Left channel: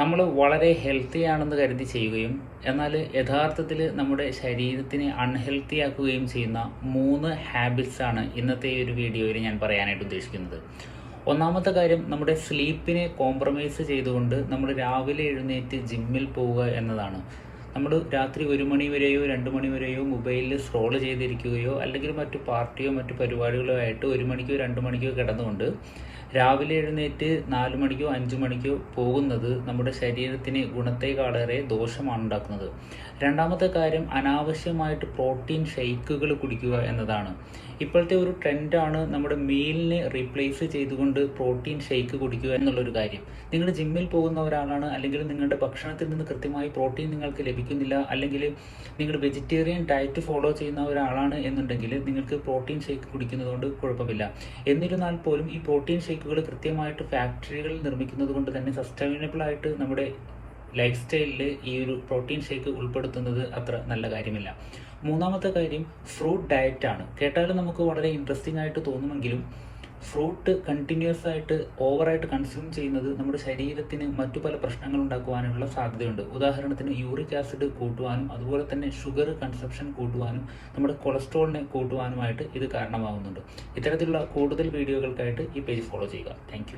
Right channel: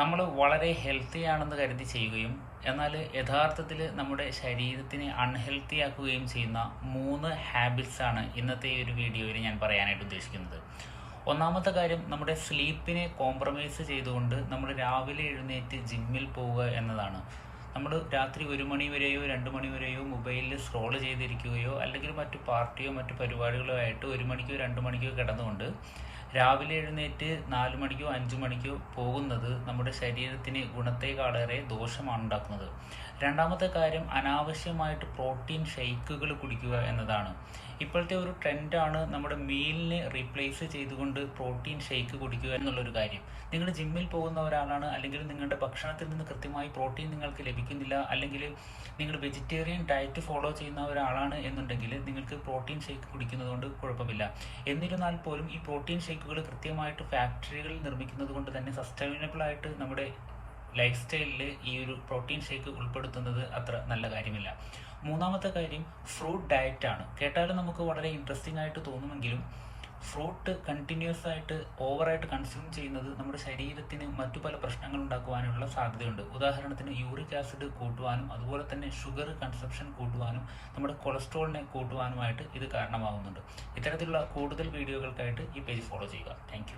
നമ്മൾ വളരെ ഹെൽത്തി ആണെന്ന് കരുതി ചെയ്യുകയും എന്നാൽ യഥാർത്ഥത്തിൽ നമ്മുടെ ശരീരത്തിനെ അൺഹെൽത്തി ആക്കുകയും ചെയ്യുന്ന 3 ഹാബിറ്റ്സ് ആണ് ഇന്നത്തെ ഈ ഒരു വീഡിയോയിൽ ഞാൻ പറയാനായിട്ട് ഉദ്ദേശിക്കുന്നത്. ഒന്നാമത്തെ കാര്യം, നമ്മുടെ സ്ലീപ്പിനെ കോംപ്രമൈസ് ചെയ്തുകൊണ്ട് നമ്മൾ രാവിലെ എഴുന്നേറ്റ് ജിമ്മിൽ പോവുക എന്നതാണ്. നമ്മൾ രാത്രി 1 മണി വരെയോ 2 മണി വരെയോ മൊബൈലിൽ സ്ക്രോൾ ചെയ്തിരിക്കുകയോ അല്ലെങ്കിൽ മറ്റു പാർട്ടിയോ മറ്റു പരിപാടികളോ ആയിട്ട് 1 മണിക്കോ 2 മണിക്കോ കിടന്നുകൊണ്ട് രാവിലെ എഴുന്നേറ്റ് 4 മണിക്കോ 5 മണിക്കോ പോകുന്നത് നമ്മുടെ ശരീരത്തിന് ഗുണത്തേക്കാളേറെ ദോഷമാണ് ഉണ്ടാക്കുന്നത്. രണ്ടാമത്തെ കാര്യം, അനാവശ്യമായിട്ട് പ്രോട്ടീൻ ഷെയ്ക്കുകൾ കുടിക്കുക എന്നതാണ്. ഇപ്പോഴത്തെ ഒരു ട്രെൻഡാണ് നമ്മുടെ മീലിനെ റീപ്ലേസ് ചെയ്തുകൊണ്ട് പ്രോട്ടീൻ ഷെയ്ക്ക് കുടിക്കുക എന്നുള്ളൊരു കാര്യം. നിങ്ങൾ ജിമ്മിൽ പോകുന്ന ഒരാളാണ്, അല്ലെങ്കിൽ നിങ്ങളുടെ ഭക്ഷണത്തിൽ നിന്ന് കൃത്യമായി പ്രോട്ടീൻ നിങ്ങൾക്ക് ലഭിക്കുന്നില്ല, അല്ലെങ്കിൽ നിങ്ങൾ വെജിറ്റേറിയൻ ഡയറ്റ് ഫോളോ ചെയ്യുന്ന ഒരാളാണ് എന്നുണ്ടെങ്കിൽ നിങ്ങൾക്ക് പ്രോട്ടീൻ ഷേക്ക് കുടിക്കുന്നത് കൊണ്ട് കുഴപ്പമില്ല. എന്നിരുന്നാൽ പോലും ഈ പ്രോട്ടീൻ ഷേക്കുകൾ കൃത്യമായിട്ട് ഫാക്ടറികളിൽ നിർമ്മിക്കുന്നത് കൊണ്ട് തന്നെ സസ്റ്റൈനബിൾ ആയിട്ട് നമ്മുടെ ലൈഫ് സ്റ്റൈലിൽ ഈ ഒരു പ്രോട്ടീൻ ഷേക്ക് ഉൾപ്പെടുത്തുന്നത് അത്ര നല്ല കാര്യമില്ല. മൂന്നാമത്തെ കാര്യം, ഫ്രൂട്ട് ഡയറ്റാണ്. കേട്ടാലും നമുക്ക് വളരെ ഇൻട്രസ്റ്റിംഗ് ആയിട്ട് തോന്നുമെങ്കിലും ഫ്രൂട്ട് കണ്ടിന്യൂസ് ആയിട്ട് ഓവറായിട്ട് കൺസ്യൂം ചെയ്യുന്നത് നമ്മുടെ ശരീരത്തിന് മറ്റു പല പ്രശ്നങ്ങൾ ഉണ്ടാക്കുവാനുള്ള സാധ്യതയുണ്ട്. ഉദാഹരണത്തിന് യൂറിക് ആസിഡ് കൂട്ടുവാനും അതുപോലെ തന്നെ ഷുഗർ കൺസപ്ഷൻ കൂട്ടുവാനും നമ്മുടെ കൊളസ്ട്രോളിനെ കൂട്ടുവാനുമായിട്ട് ഇത് കാരണമാകുന്നുണ്ട്. ഇത്തരത്തിലുള്ള കൂടുതൽ വീഡിയോകൾക്കായിട്ട് ഈ പേജ് ഫോളോ ചെയ്യുക. താങ്ക്